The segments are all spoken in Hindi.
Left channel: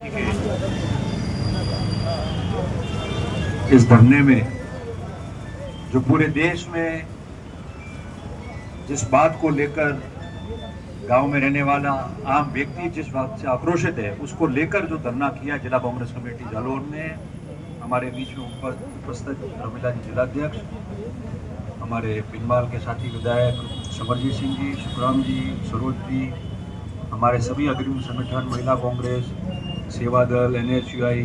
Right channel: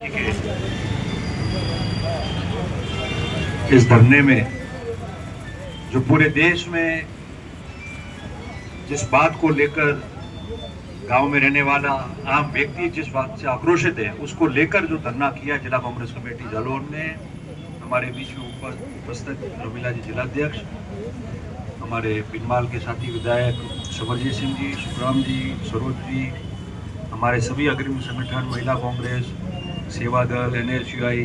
इस धरने में जो पूरे देश में जिस बात को लेकर गांव में रहने वाला आम व्यक्ति जिस बात से आक्रोशित है उसको लेकर जो धरना किया जिला कांग्रेस कमेटी जालोर ने, हमारे बीच में उपस्थित रमीला जी जिलाध्यक्ष, हमारे पिनवाल के साथी विधायक समरजीत सिंह जी, सुखराम जी, सरोज जी, हमारे सभी अग्रिम संगठन, महिला कांग्रेस, सेवा दल, NSUI,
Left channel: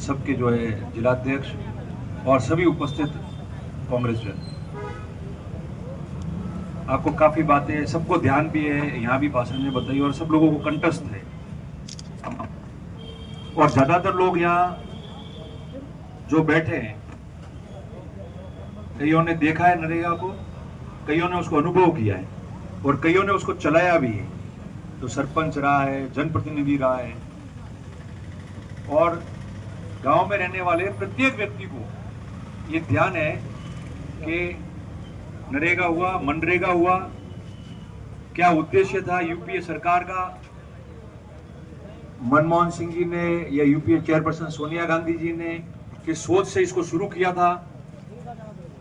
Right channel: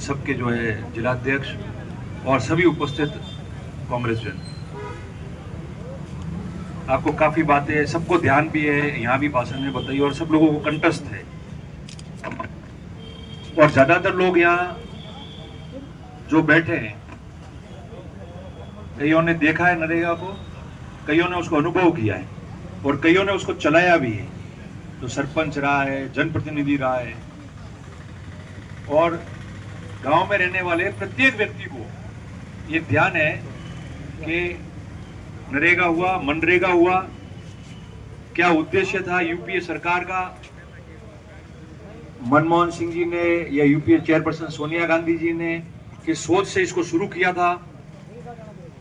सबके जो है जिलाध्यक्ष और सभी उपस्थित कांग्रेसजन, आपको काफी बातें सबको ध्यान भी है, यहाँ भी भाषण में बताई और सब लोगों को कंठस्थ है। और ज्यादातर लोग यहाँ जो बैठे हैं, कईयों ने देखा है नरेगा को, कईयों ने उसको अनुभव किया है और कईयों ने उसको चलाया भी है। तो सरपंच रहा है, जनप्रतिनिधि रहा है और गांव में रहने वाले प्रत्येक व्यक्ति को ये ध्यान है कि नरेगा हुआ, मनरेगा हुआ, क्या उद्देश्य था यूपीए सरकार का, मनमोहन सिंह जी ने या यूपीए चेयरपर्सन सोनिया गांधी जी ने किस सोच से इसको शुरू किया था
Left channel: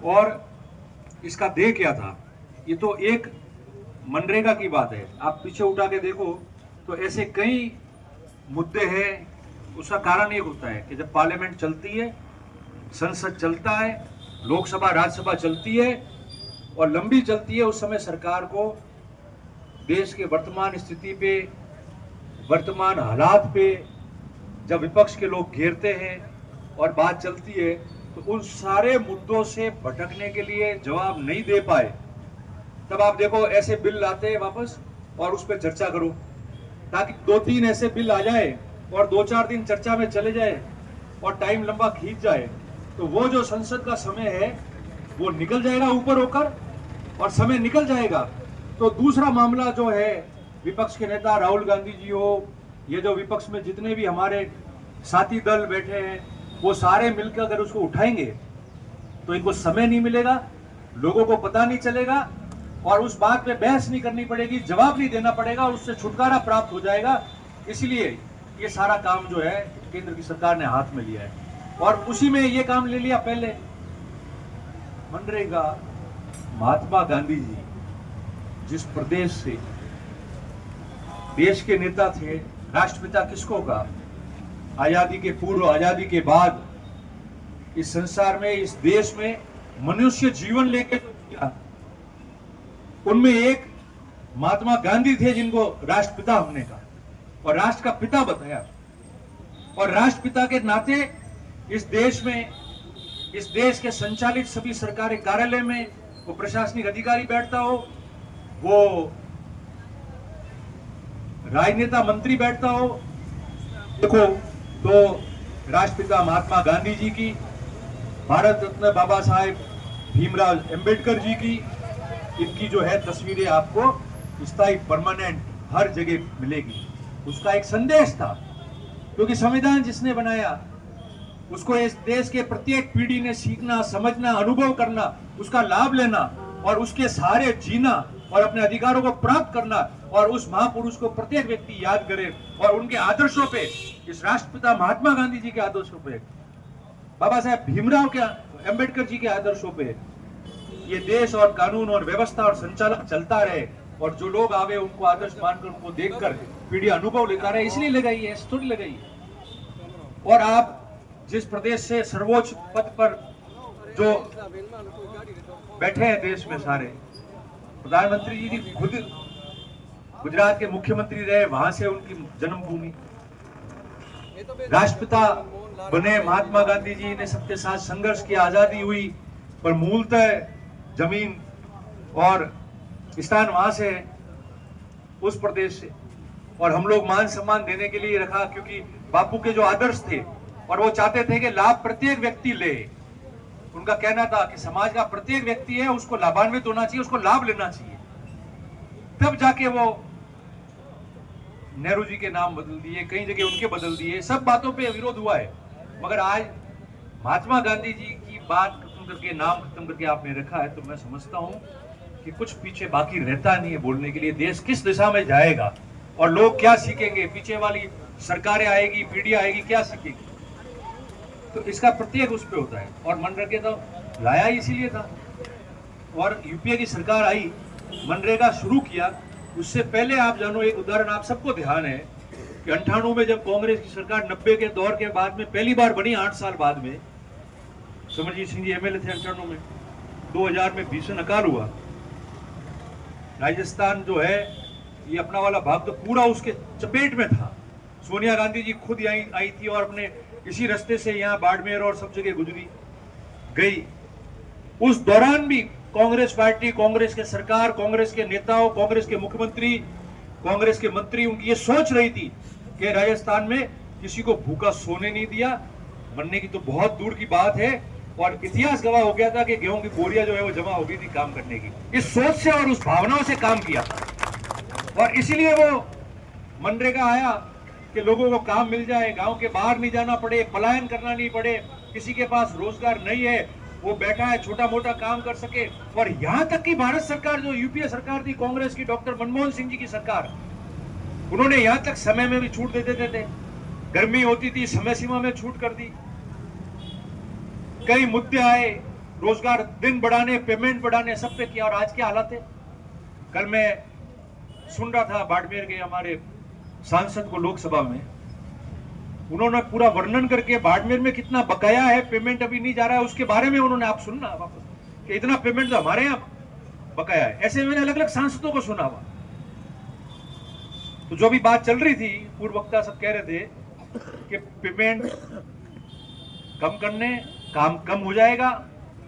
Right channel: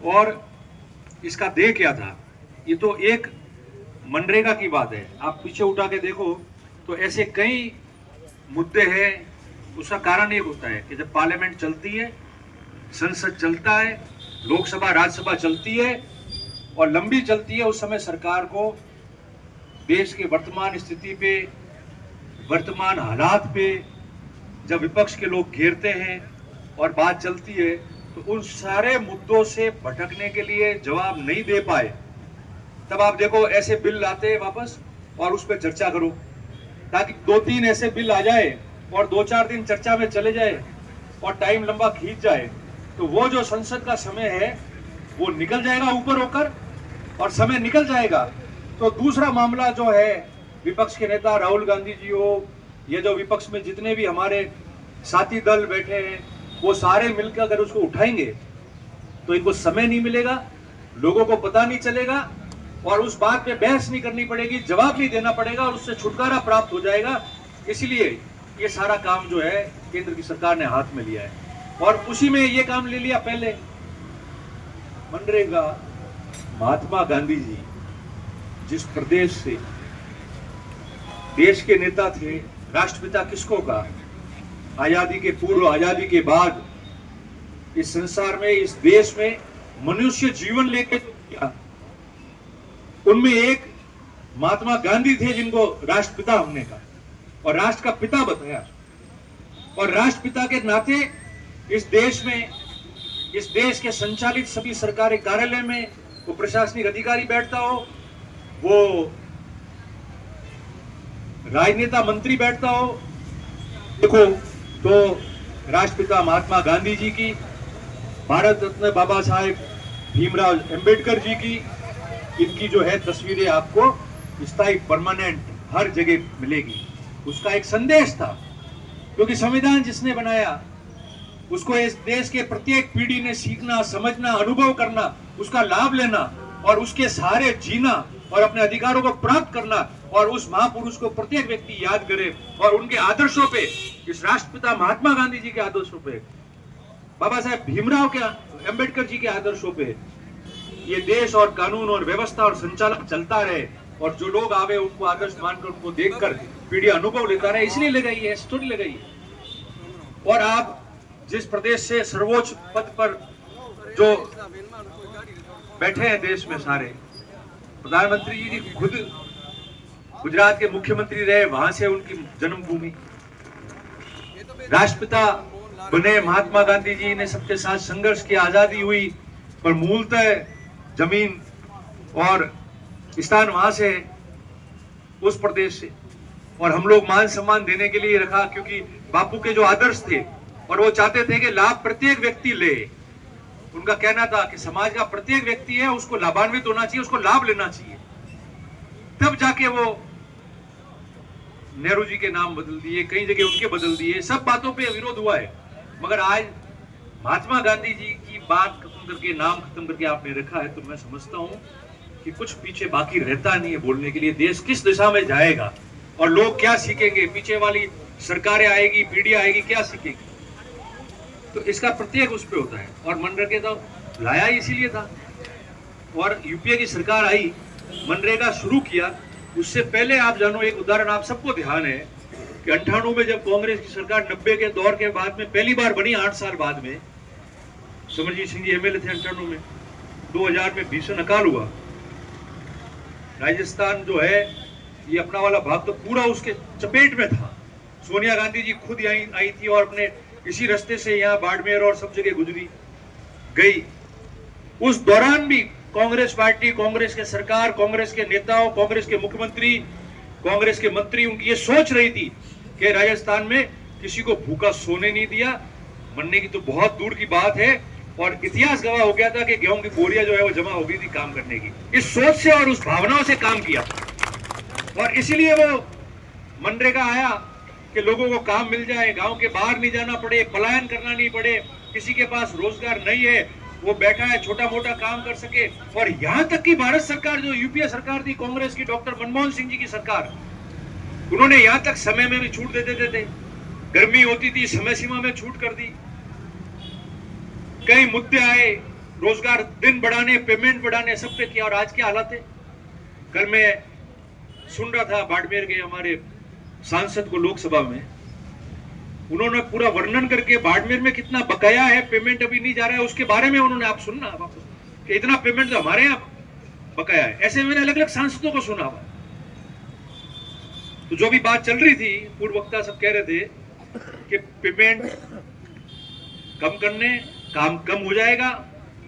और इसका ध्येय क्या था। ये तो एक मनरेगा की बात है, आप पीछे उठा के देखो तो ऐसे कई मुद्दे हैं। उसका कारण एक होता है कि जब पार्लियामेंट चलती है, संसद चलता है, लोकसभा राज्यसभा चलती है और लंबी चलती है, उस समय सरकार को देश के वर्तमान स्थिति पे, वर्तमान हालात पे जब विपक्ष के लोग घेरते हैं और बात चलती है तो उन सारे मुद्दों से भटकने के लिए जवाब नहीं दे पाए, तब आप देखो ऐसे बिल लाते हैं वापस और उस पर चर्चा करो, ताकि 2-3 ऐसे बिल आ जाए और 2-4 दिन चर्चा में चले जाए और टाइम लंबा खींच जाए, तो वो जो संसद का समय है वो निकल जाएगा ऊपर होकर और समय निकल जाएगा। तो दूसरा मामला जो है, विपक्ष के नेता राहुल गांधी जी हो, ये जो विपक्ष में जितने भी हमारे साथी दल बैठे हैं, वो सारे मिलकर अगर उसको उठाएंगे तो इनको समय नहीं मिलेगा, लोगों को पता नहीं चलेगा और उस बात पे बहस नहीं करनी पड़ेगी, जवाब नहीं देना पड़ेगा और उससे छुटकारा प्राप्त हो जाएगा। इसलिए ये सारा काम जो है केंद्र की सरकार ने हाथ में लिया है और उसी में ये काम ले लिया। पहले मनरेगा, महात्मा गांधी जी जिस प्रदेश से देश के नेता थे, राष्ट्रपिता किसको कहा, आजादी के पूर्व, आजादी के बाद इस संसार में, इस देश में मनुष्य जीवन लेके जो किया, उनमें एक महात्मा गांधी थे जिनको राष्ट्रपिता हमने कहा और राष्ट्र का पिता बताया। और राष्ट्रपिता के नाते इस देश में, इस देश के संचालित सभी सरकारी कार्यालय में वो प्रशासनिक अधिकारी बैठता हो, वो राजनेता मंत्री बैठता हो, देखो तो राष्ट्रपिता महात्मा गांधी जी की, भारत रत्न बाबा साहेब भीमराव अंबेडकर जी की, इनकी जो है तस्वीरें आपको स्थायी परमानेंट हर जगह मिलेगी। उसका एक संदेश था, क्योंकि संविधान जिसने बनाया उसको इस देश के प्रत्येक पीढ़ी ने सीखना, समझना, अनुभव करना, उसका लाभ लेना और उसके सहारे जीना और अपने अधिकारों को प्राप्त करना और उस महापुरुष को प्रत्येक व्यक्ति याद करे और उनके आदर्शों पे, इस राष्ट्रपिता महात्मा गांधी जी के आदर्शों पे, बाबा साहेब भीमराव के अंबेडकर जी के आदर्शों पे ये देश और कानून और व्यवस्था और संचालन चलता रहे और जो लोग आवे उनको आदर्श मानकर, उनको देखकर पीढ़ी अनुभव लेता रहे, इसलिए लगाई है, स्टोरी लगाई है। और आप जिस प्रदेश से सर्वोच्च पद पर जो बैठे हैं देश में, सारे प्रधानमंत्री जी की खुद गुजरात के मुख्यमंत्री रहे, वहां से उनकी जन्मभूमि, राष्ट्रपिता बने महात्मा गांधी जी ने सबके साथ संघर्ष किया, आजादी हुई, पर मूलतः जमीन और स्थान वहां से, उस प्रदेश से। और हम लोग मान सम्मान देने के लिए रखा, क्योंकि बापू के जो आदर्श थे और वो चाहते थे कि लाभ प्रत्येक व्यक्ति ले। उनका कहना था कि समाज का प्रत्येक व्यक्ति है, उसको लाभान्वित होना चाहिए, उसको लाभ लेना चाहिए। तब जाके वो नेहरू जी के नाम बदल दिए, कई जगह उनके बदल दिए, सब बातों पे विरोध हुआ है, मगर आज महात्मा गांधी जी की बात खत्म करके, नाम खत्म करके आपने रखा है, तो मैं समझता हूं कि कुछ पीछे बाकी रहता नहीं है बोलने के लिए। देश किस दिशा में जाएगा और लोग क्या सीखेंगे, पीछे वाली सरकारें आएगी, पीढ़ियां आएगी, क्या सीखेगी? तो इसका प्रत्येक उस पे होता है। और मनरेगा तो लाया इसीलिए था। और यूपीए की सरकार आई, मनरेगा शुरू किया। उससे पहले आप जानो, एक उदाहरण आप सबको ध्यान है कि 98 में जब कांग्रेस की सरकार 90 के दौर के बाद में पहली बार बनी, 8 साल बाद में, समरजीत सिंह जी एमएलए थे 98 में, 2000 में भीषण अकाल हुआ। राजस्थान जो है ये अपना वाला भाग तो पूरा उसके चपेट में था। सोनिया गांधी जी खुद आई थी और अपने इसी रास्ते से यहाँ बाड़मेर और सब जगह गुजरी गई। उस दौरान भी कांग्रेस पार्टी, कांग्रेस के सरकार, कांग्रेस के नेताओं, कांग्रेस के मुख्यमंत्री, कांग्रेस के मंत्री, उनकी ये सोच रही थी कि राजस्थान में किसी को भूखा सोने नहीं दिया। बनने की तो बहुत दूर की बात है। और इतिहास गवाह हो गया था कि गेहूं की बोरियां जो है वो जमा हो गई थी काम करने की। इस सोच से और उस भावनाओं से काम किया और इसीलिए वो मनरेगा आया कि लोगों को काम मिल जाए, गांव के बाहर नहीं जाना पड़े, पलायन करना नहीं पड़े, किसी के पास रोजगार नहीं है वो बैठा है छोटा मोटा काम कर सके। और यहां तक कि भारत सरकार जो यूपीए सरकार थी, कांग्रेस की, डॉक्टर मनमोहन सिंह जी की सरकार, उन्होंने यहां तक समय में भी छूट दे देते थे। गर्मी होती थी, समय सीमा में छूट कर दी। कई मुद्दे आए, रोजगार दिन बढ़ाने, पेमेंट बढ़ाने, सब पे किया। और आज क्या हालत है? कल मैं सुन रहा था बाड़मेर के हमारे सांसद को लोकसभा में, उन्होंने पूरा वर्णन करके बाड़मेर में कितना बकाया है, पेमेंट अभी नहीं जा रहा है, उसके बारे में उन्होंने, आप सुनना कि इतना पेमेंट तो हमारे यहाँ बकाया है। ऐसे मैंने अलग अलग सांसदों को सुना हुआ। तो जो भी बात चल रही थी, पूर्व वक्ता सब कह रहे थे कि पेमेंट कम करने, काम कम हो जाएगा,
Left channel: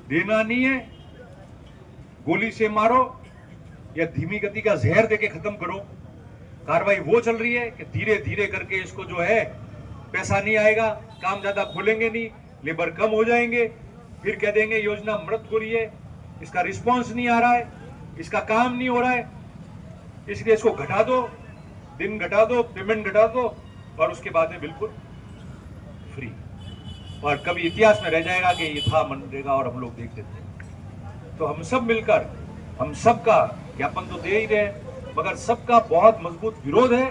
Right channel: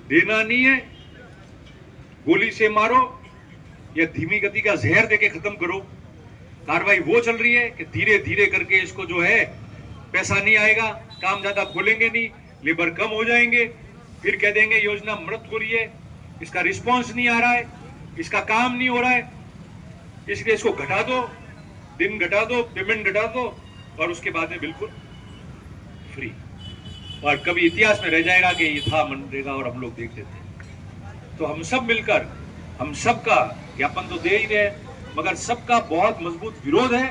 देना नहीं है, गोली से मारो या धीमी गति का जहर देके खत्म करो। कार्रवाई वो चल रही है कि धीरे धीरे करके इसको जो है पैसा नहीं आएगा, काम ज्यादा खोलेंगे नहीं, लेबर कम हो जाएंगे, फिर कह देंगे योजना मृत हो रही है, इसका रिस्पांस नहीं आ रहा है, इसका काम नहीं हो रहा है, इसलिए इसको घटा दो, दिन घटा दो, पेमेंट घटा दो और उसके बाद में बिल्कुल फ्री। और कभी इतिहास में रह जाएगा कि ये था मनरेगा और हम लोग देखते थे। तो हम सब मिलकर, हम सबका ज्ञापन तो दे ही रहे, मगर सबका बहुत मजबूत विरोध है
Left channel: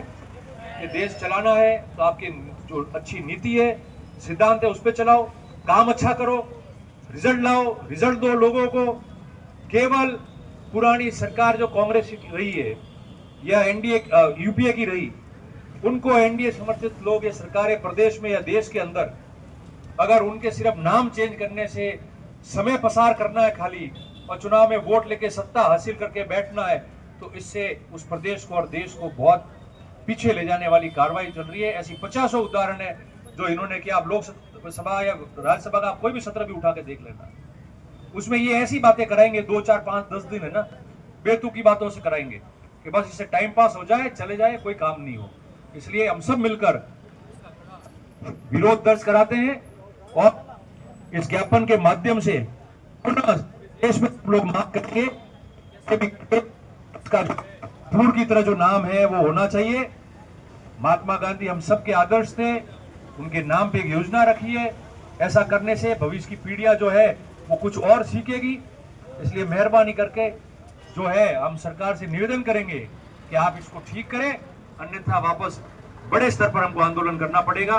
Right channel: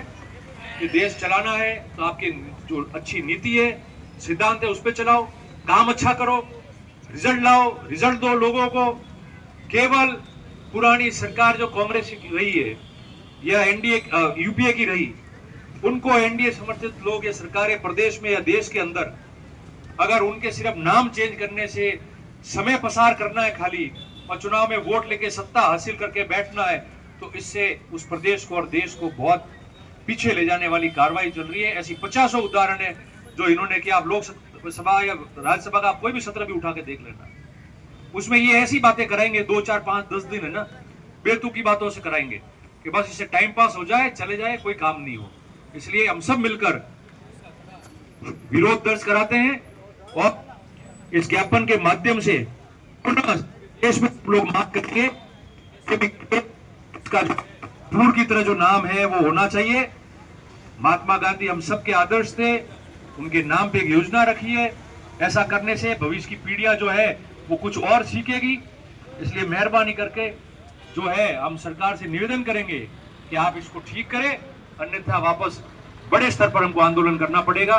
कि देश चलाना है तो आपकी जो अच्छी नीति है, सिद्धांत है, उस पर चलाओ, काम अच्छा करो, रिजल्ट लाओ, रिजल्ट दो लोगों को। केवल पुरानी सरकार जो कांग्रेस की रही है या एनडीए यूपीए की रही, उनको एनडीए समर्थित लोग या सरकारें प्रदेश में या देश के अंदर अगर उनके सिर्फ नाम चेंज करने से समय पसार करना है खाली और चुनाव में वोट लेके सत्ता हासिल करके बैठना है, तो इससे उस प्रदेश को और देश को बहुत पीछे ले जाने वाली कार्रवाई चल रही है। ऐसी 50 उदाहरण है जो इन्होंने किया। आप लोकसभा या राज्यसभा का कोई भी सत्र भी उठा के देख लेना, उसमें ये ऐसी बातें कराएंगे 2, 4, 5, 10 दिन, है ना, बेतुकी बातों से कराएंगे कि बस इससे टाइम पास हो जाए, चले जाए, कोई काम नहीं हो। इसलिए हम सब मिलकर विरोध दर्ज कराते हैं और इस ज्ञापन के माध्यम से देश में लोग मांग करके पूर्व की तरह जो नाम है वो होना चाहिए। महात्मा गांधी हम सब के आदर्श थे, उनके नाम पे एक योजना रखी है। ऐसा करने से भविष्य की पीढ़ियां जो है वो कुछ और सीखेगी। इसलिए मेहरबानी करके जो है हम सरकार से निवेदन करेंगे कि आप इसको ठीक करें, अन्यथा वापस बड़े स्तर पर हमको आंदोलन करना पड़ेगा।